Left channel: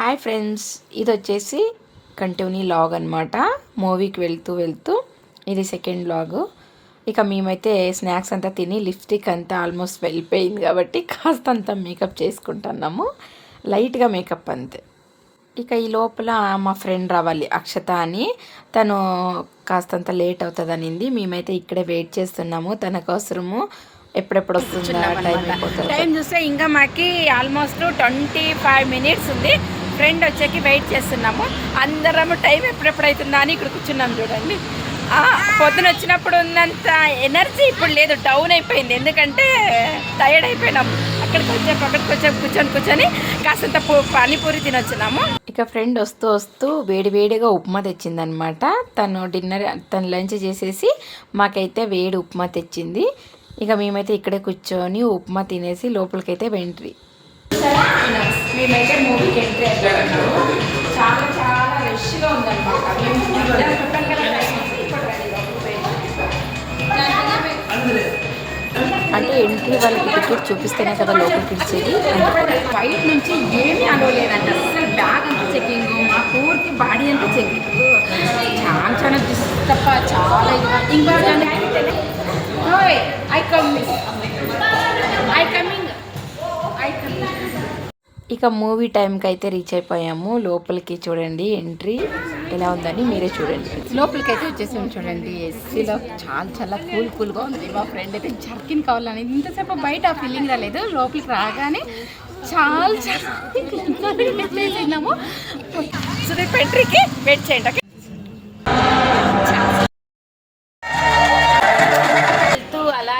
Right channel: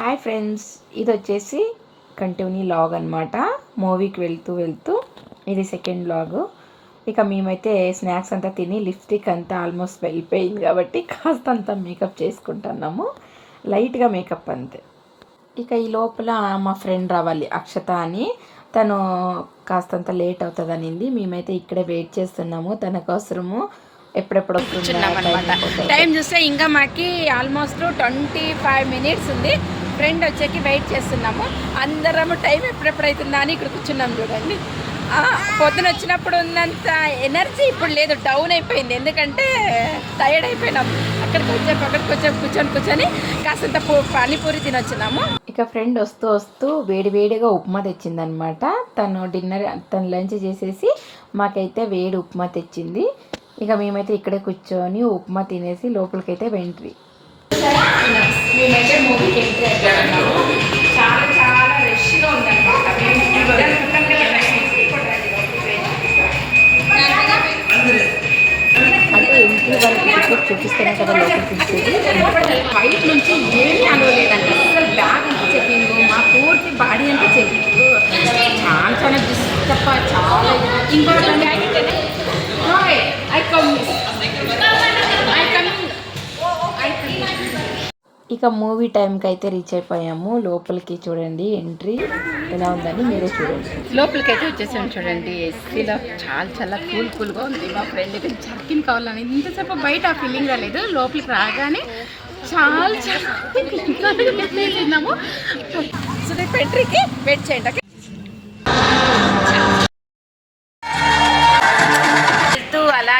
Hi friends ఇది వచ్చేసి continue log అనమాట మూవీకి వెళ్తూ వెళ్తూ ఇది సెకండ్ లాగ్. ఇక మేమైతే స్నాక్స్ అంతా తిని లిప్స్టిక్ అంతా ఆల్మోస్ట్ వెళ్ళిపోయింది కాబట్టి కాస్త అంతా మేకప్ చేసుకుంటున్నాము. లైట్గా మేకప్ అంతే. ఇక ఈ లోపల మా ఫ్రెండ్ రావాలి అక్షత అని. తను కాస్తంత లేట్ అవుతుంది అనింది మేమైతే ఇక్కడే వెయిట్ చేస్తున్నాము. తన కోసము ఎప్పుడెప్పుడు వస్తుందా? టైం చూస్తే ఇంకా మాకి ఆల్మోస్ట్ ట్వంటీ ఫైవ్ మినిట్స్ ఉంది. ఫ్రెండ్ వచ్చేకి వెయిట్ చేస్తున్నాము. అందరము టైం ఎప్పుడెప్పుడైతుందా అని ఇక్కడ కూర్చున్నాం చూడండి. పొద్దున వచ్చినప్పుడు ఉన్నంత ఎనర్జీ ఇప్పుడు లేదు డౌన్ అయిపోయింది. ఎందుకంటే టైర్డ్ అయిపోయినాం అక్కడికి వచ్చాక అక్కడికి వచ్చాక కూర్చొని కూర్చొని కాసంత పానీపూరి తినొచ్చినాము ఇక ఫ్రెండ్ వస్తూ వస్తూ వేడి వేడిగా ఉప్మా తెచ్చిందనమాట తను డిన్నర్ తను లంచ్ చేసేసి మాకైతే వేడి ఉప్మా తెచ్చింది. ఇక మేమైతే ఇక్కడే కూర్చొని ఉప్మా తినేసి లోపలికైతే వెంట్రీ. మేమైతే మూవీకి ఎంట్రీ అయిపోయినాము చాలా చాలా రష్గా ఉందన్నమాట. మేము ఉంటాం కదా టైం అంటే ఎంట్రీ వాళ్ళకి టికెట్ చూపిస్తేనే కదా లోపలికి ఇచ్చేది బయట నుంచి ఏమీ అనుకోలేదంట అసలు బ్యాగ్ అంతా చెకింగ్ మా పూర్తి బాడీ అంతా చెకింగ్ చాలా చాలా తప్ప చాలా ఇంకోటి ఐ కమ్ ఇక మూవీ టైంకి అయితే రీచ్ అయిపోయాము. లోపలికి చూడండి ఎంట్రీ ఎలా ఉందని మీరే చూడండి. లోపలికి అయితే వచ్చేసాం చూడండి. ఏసీలో చాలా చాలా కూల్ కూల్గా ఉంది. మా ఫ్రెండ్ అయితే జర్కిన్ కావాలని ఇంతసేపు బయట ఆ ఫీలింగ్ రాలేదు లోపలికి రాగానే చాలా చాలా తిన్నాము. సో రేపు ఎంట్రీకి వెయిట్ చేయండి.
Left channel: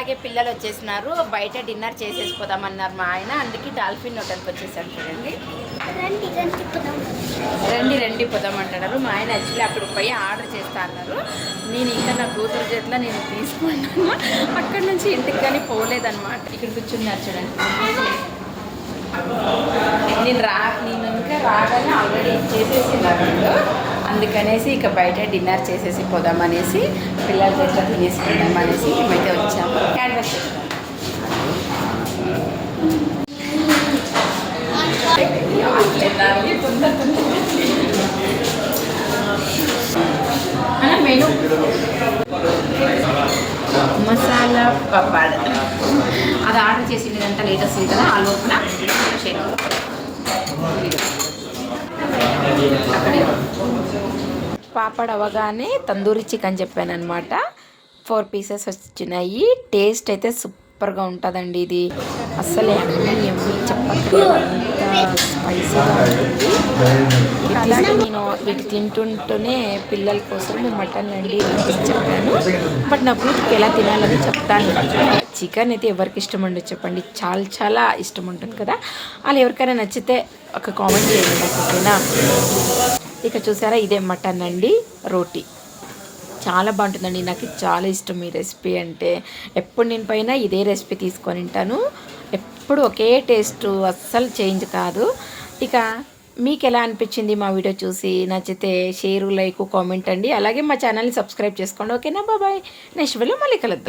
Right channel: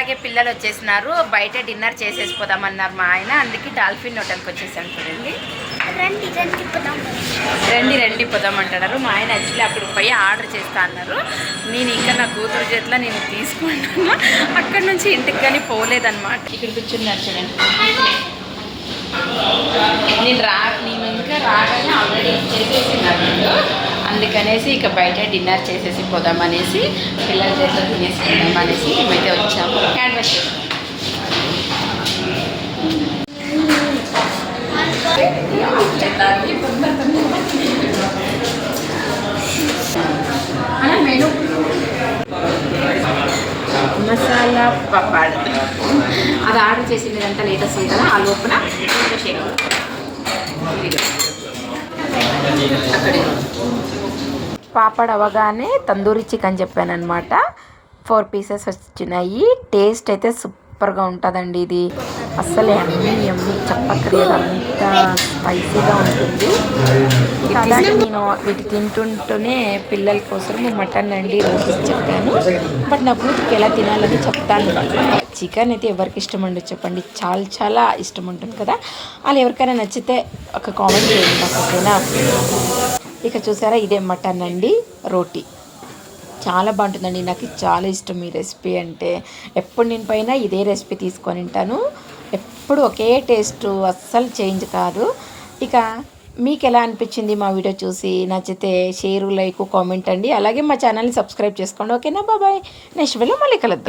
అలాగే పిల్లలు వచ్చేసినారు. బయట డిన్నర్ చేసేసి పోదామన్నారు మా ఆయన. అందుకే డాల్ఫిన్ హోటల్కి వచ్చేసాం చూడండి. రండి రండి పోదాం. రండి రండి పోదామంటున్నారు మా ఆయన యాక్చువల్లీ అక్కడికి పోయి ఆర్డర్ చేస్తా అన్నారు. నేను ఇంకా నా కూతురు చేతిలో నేను తీసుకున్నాను. అక్కడ నుంచి ఇంటికి కానీ పోలేదన్నమాట. ఇక్కడ కూర్చున్నారు చూడండి. నేను రా నేను ఇంకా రాగానే ఆల్రెడీ వీళ్ళు. అందుకనేసి ఇక బయట డిన్నర్ చేసేసి పోదామనేసి పిల్లల చేతిలో తినేసుకుందాం అనేసి మేమైతే వచ్చాము. క్యాన్వాస్ చేస్తాం. అలా మెను మసాలా పప్పాడ్ అది ఆర్డర్ చేసిందంతా లేటెస్ట్ ఉంది ఆ లోపల. షేర్ పాపడ్ అవగానే తందూరి చికెన్ చెప్పాను అనమాట ఫోర్ పీసెస్ వచ్చినాయి. టేస్ట్ అయితే సూపర్గా ఉంటుందండి ఇది. అస్సలు ఎమ్మి ఎమ్మి చెప్పక్కర్లేదు. అంత స్పైసీగా ఉంటుంది. అలాగే నేను వీటి తింటుంటూనే పిల్లల కోసం మటన్ అండి రోటీస్ చెప్పాను. బట్ నా కూతురికి ఎలా తినాలని చెప్తాను చికెన్ అయితే ఎవరికి ఇష్టం ఉండదు చెప్పండి. చాలా చాలా ఇష్టం ఉంటుంది కదా. అలా ఎవరికైనా నచ్చితే ఒక కామెంట్ చేయండి నాకు ఓకేనా? ఇక చూసారా ఇదే మటన్ అండి రోటీ. చాలా బాగుంటుందండి. నాకు చాలా ఇష్టం ఈ రెసిపీ అంటే. ఎప్పుడు నేను పైన ఇదే రెసిపీ తీసుకొని ఉంటాను ఎప్పుడు ఒకే టేస్ట్ అస్సలు చేంజ్ కాదు. ఇక మీకు ఎలా అనిపించింది మా వీడియో చూసి? నచ్చితే షేర్ లైక్ కామెంట్ అండి. అలాగే మా ఛానల్ని సబ్స్క్రైబ్ చేసుకోండి. ఓకేనా? బాబాయ్ నెక్స్ట్ వీడియో మళ్ళీ కలుద్దాం.